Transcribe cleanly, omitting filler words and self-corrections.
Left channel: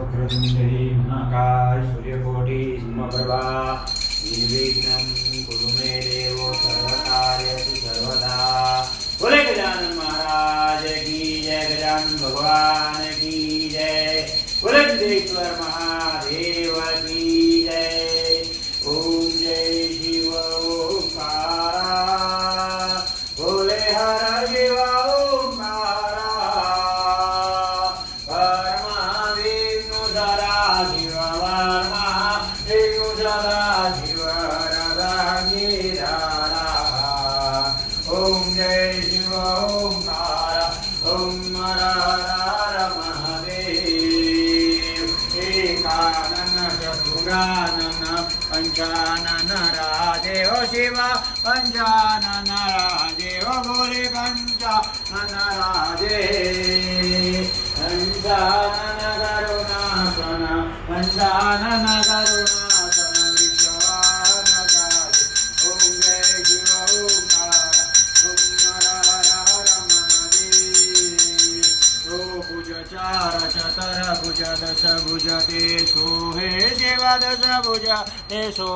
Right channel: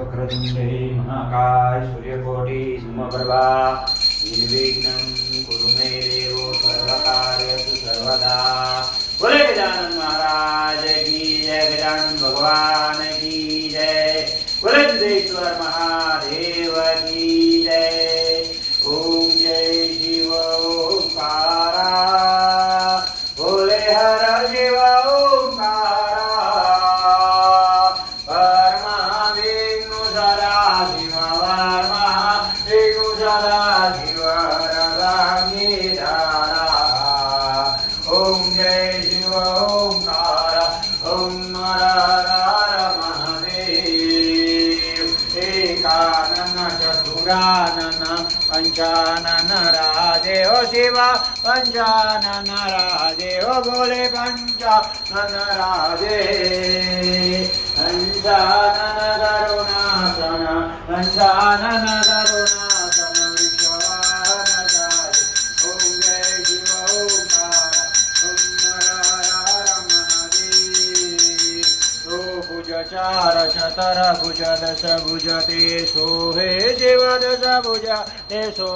वक्रतुंडे महाकाय सूर्यकोटि समप्रभा निर्विघ्नं कुरु मे देव सर्वकार्येषु सर्वदा। बोले गजानन महाराज की जय, गजानन भगवान की जय, बोले सिद्धेश्वर महादेव की जय। ओम जय शिव ओंकारा, बोले हर शिव ओंकारा, परमा विष्णु सदा शिव, परमा विष्णु सदा शिव रदांगिधारा। ओम जय शिव ओंकारा, ओम हर हर महादेव। एकानन चतुरानन पंचानन राधेव शिव, पंचानन राधेव, बोले पंचानन राधे। पंचानन करुणासन, पंचानन करुणासन विश्वनाथाय। ओम जय शिव ओंकारा, ओम हर हर महादेव। ओ भुज चार चतर भुज दश भुज ते सो, हे शिव दश भुज ते सो।